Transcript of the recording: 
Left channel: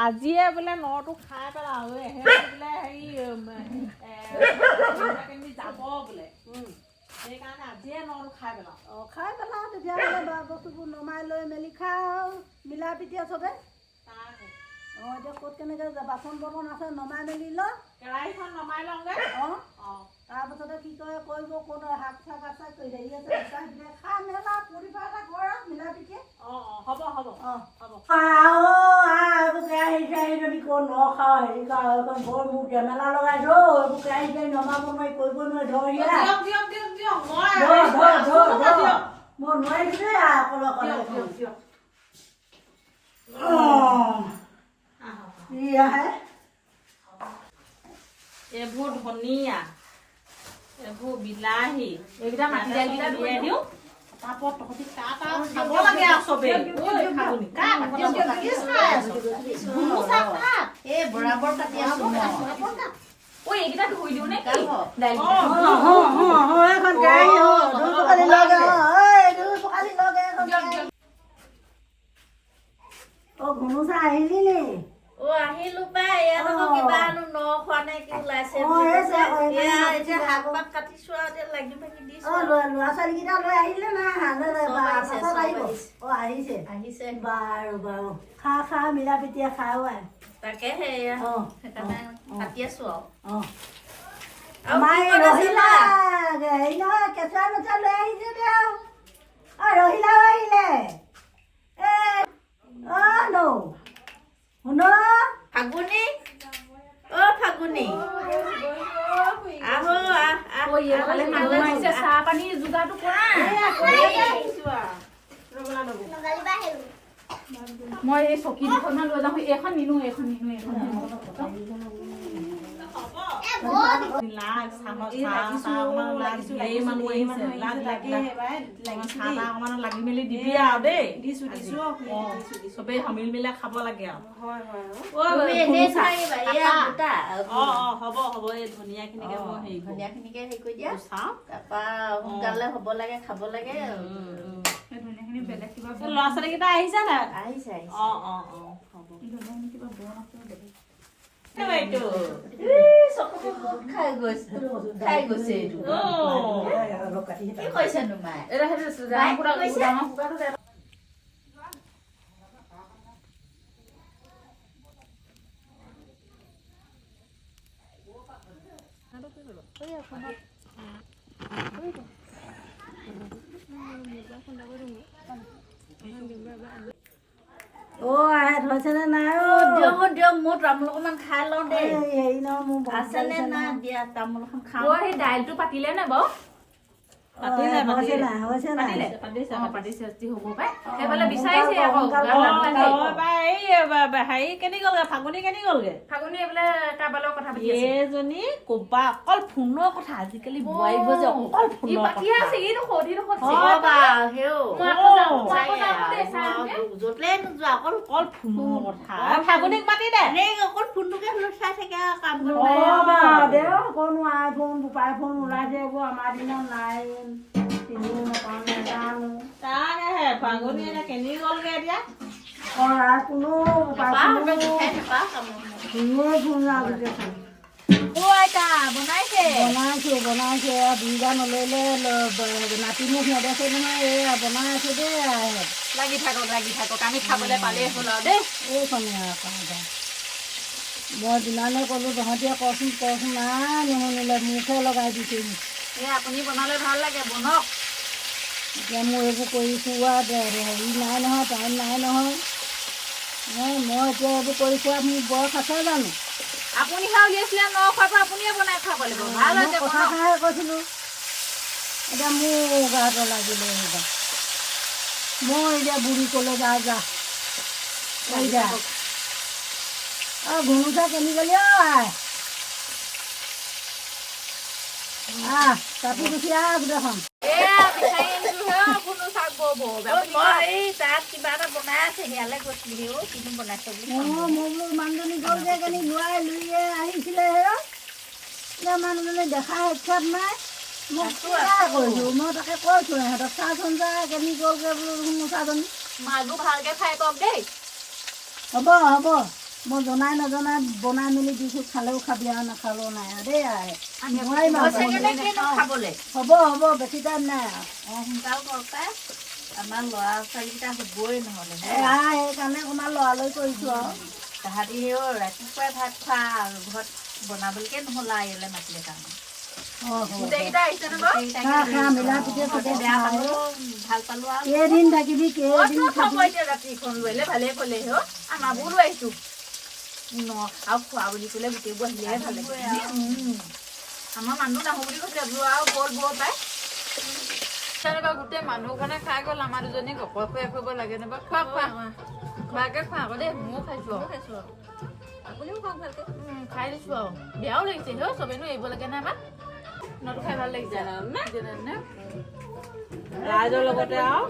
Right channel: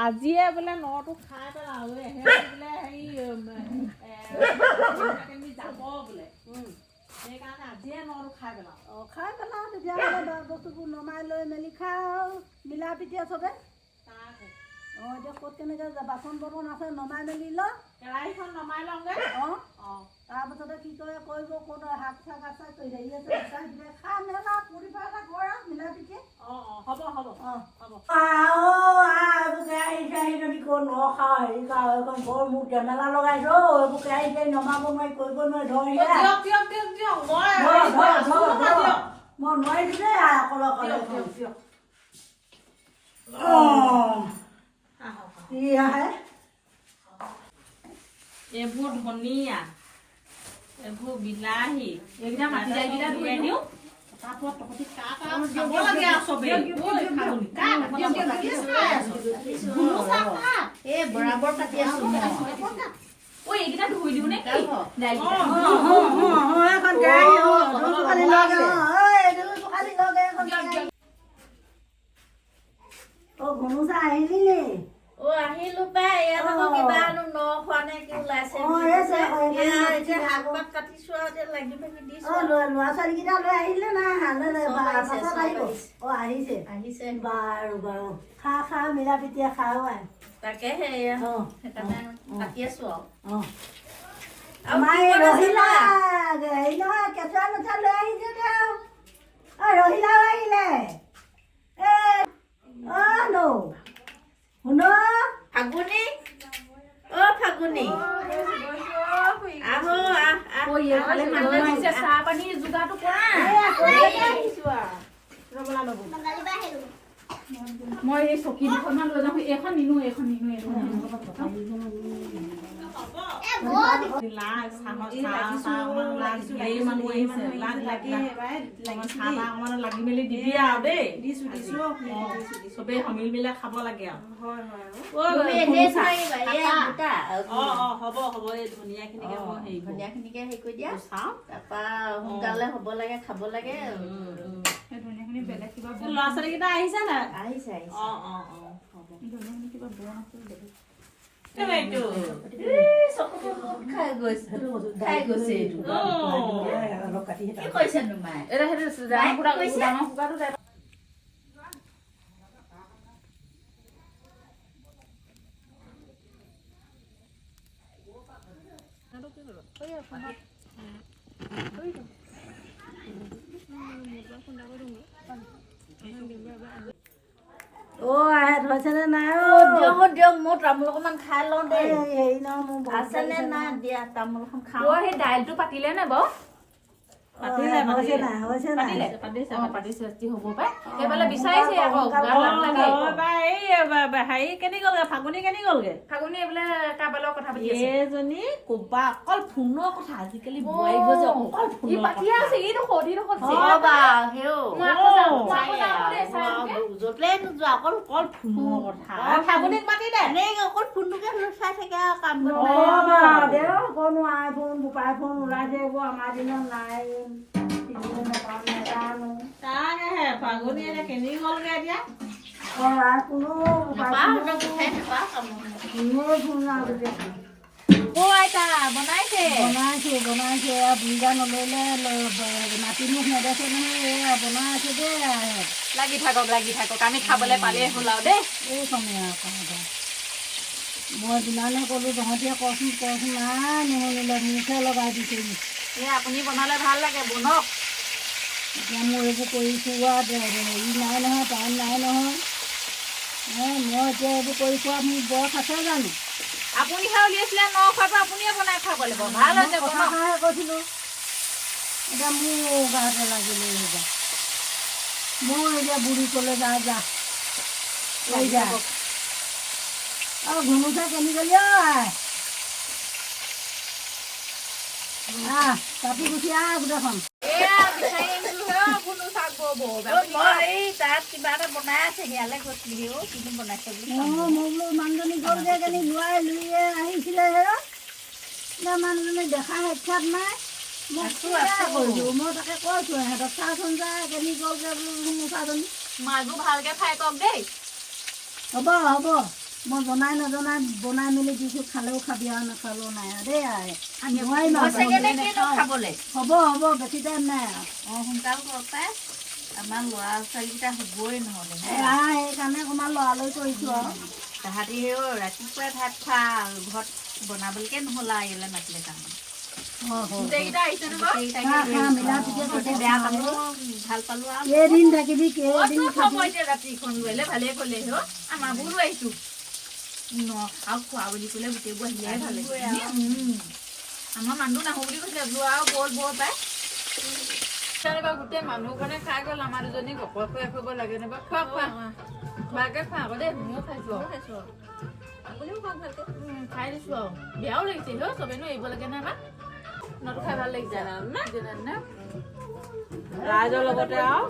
আজিয়ে বোলে নটো খাই পেলাওঁ বোলে হেৰি যাব বোলে সেইকাৰণে আজিয়ে নটো খাই পেলাওঁ খাই পেলাওঁ তেতিয়াহ'লে বস্তুবোৰ নমাই লৈ মেলি খাওঁ মিলা পিটিয়া চবে এতিয়া ক'ত কেনেকৈ বাচন বৰ্তন আছে নমাই মেলি ল কেৰাহীখন নমাই লওঁগৈ তাৰপাছতে কি কৰে কৰিব ক'ত শাক চাক আছে হেৰি আছে খা মেলা পুৰি পেলাই কৰ আৰু মিলা পিটিয়ে হ'ব হ'ব বৰ মোক জেমেলা লগাইছ এইবোৰ কেৰাহী কেৰাহী নমাব নোৱাৰি কৰিব নোৱাৰি মই নোৱাৰিছো দেই অকলে আহে এইবোৰ ধনিয়া এইবোৰ বিলাহী এইকেইটা মাটি দাইলকেইটা ধুই দিওঁ তাৰপৰা তহঁতি খাব লাগে আৰু চবেই বৰাবৰ কাটি আছো এইকেইটা ধুই দিওঁ নে ঘুনুচা আহিলি নি আহিলো পাই ইয়াত আকৌ কিবা ন খোৱা নে কি ওলাইছে শাক পাত কাটিছো আৰু এতিয়া লাগি ভাগি দিছো ল'ৰা ছোৱালীকেইটা লৈ আহিলে নাই আহিছে আহিছে বাৰু বাৰু খা খা মিলা পিটিয়া খাও তাকে সেইকাৰণে কাটি আছো আৰু আমাৰ ৰহিলা হেৰি নহয় কেঁচুৱা মেচুৱা লৈ আহিছে তেওঁ ৰহিলাও আহিলে শুন ফাগুনি ফাগুনি আহো চাহ পানী যোগাৰটো কৰা মই এই চকী দুখনমান লৈ যাওঁ এইখন নিনো লাগি মেলি দিবি আৰু দেই চবেই সমিল মিলাই খাব লাগে আৰু হ'ব হ'ব এই ধনিয়া খিনিকে মই ধনিয়া খিনিকে হেৰি কৰি দিয়া চাওঁ তাৰপৰা সোনকালে হ'ব লাগে খাব লাগে ল'ৰা ছোৱালী কেইটা আহিছে নাই আহিছে হ'ব ধনিয়াখিনি কিবা বন আছে খাই গৈছে কি কৈছেনো মায়ে হৈছেনে নাই দিয়ক মোৰ তামোল অকণমান খাই লওঁ দেই হেৰি ন মোৰ আছেনে নাই দিয়া তামোল এখন খাওঁ সেই দাইলটো পাতিলে নে বাৰু ফাগুনি এইজনী কবা অকল ফোনৰ কথা আজিকালি ফাগুনিক মাতি দে অকল ফোনটোকে চাই থাকে আৰু কাম আইফোন বোপাই ফোন ওলাইছে এইবোৰ আমাৰ দিনত নাই ফাগুনি কেনি গ'লগে এতিয়া বনাইছে দুইটা নললে নাতিনি নেদেখে নহয় বনাই আছে দেই লাগি থাকক আমি খাবলৈ পালে হ'ল আৰু দেই এইখনে মই যিমানে ক'লো তহঁতিয়ে কচোন নাই নুশুনিলে মুখে লগাই দিছে আপুনি বনালে ভাল লাগে বনক এতিয়া মই এইবোৰ কৰিছোঁ হেৰি নাই নহয় টাইম নাই নহয় মই এতিয়া এইবোৰ কৰিছোঁ মোৰ বয়স আছে জানো আপুনি খাই উলিয়াইছিলে ন খোৱাটো আপুনিয়ে বনাই খাব লাগিব ভাল হৈছে কথা খাই কৈছিলোঁ এতিয়া মোৰ গাটো লাগিলে মই এতিয়া বুঢ়ী ক'লে যা ঘুনুচা কেনি গ'লি কাটি গুচি গোটেইখন কিবা এটা বনাই আছে ইয়ালৈ গৈছিলি কিনো বনাইছে মানুহজনী গ'লগে কেনি লোৱাই লুইয়ে আহিছিলে মানুহজনী দেখা সাক্ষাৎ নাই কৰিলোঁ মই তাকে কৈছোঁ ইহঁতক চাচোন যায় কেনি গ'লগে বোলো চাচোন মাছবোৰ ভালকে খাই পাওক দেই হ'ব মই জনাই নজনাই বনাই মেলি দিছোঁ খালেও খাবি আৰু নাখালেও নাই আৰু দেই নোৱাৰিম খাবলে হ'ব বেছি টাইম নাই সোনকাল কৰক পাই আমাৰ ল'ৰা ছোৱালীকেইটা হ'বই নহ'লে সেইকাৰণে অকণমান লৰালৰি কৰিছোঁ আৰু তাহাঁতি ৰাতিপুৱাই ভাত খোৱা ঘৰত বনাবলৈকে নহ'ল আৰু ইয়ালৈ মাতিলে তাৰমানে ভাল পালো আৰু কেইদিন থাকিবি কেইদিন ৰাতিখন লৈলে ভালে ক'লে আমাৰবোৰ লৈ আহিছো আৰু খোৱা বুলি ক'লে গোটেইবোৰ আহিলেহে ভাল লাগে আমাৰ মানুহ নাহো বুলি কৈছিলে যোৱা আৰু বল পাই তেনেকুৱা গোটেই মানুহ কাৰণে খাই গ'ল আমাৰ দুজনী গপৰ খুৱাই খুৱাব লাগে নাইবা খোৱা খোৱাকে খোৱা আকৌ দেই ময়ো খাইছো আপুনিও খাওক ভালকে খাই দিছো আৰু বেয়াও লাগিছে চবেইনো এৰিব লাগে নাই আমাক নটো খাই ভাল লাগিছে ৰাইজৰ লগতে আৰু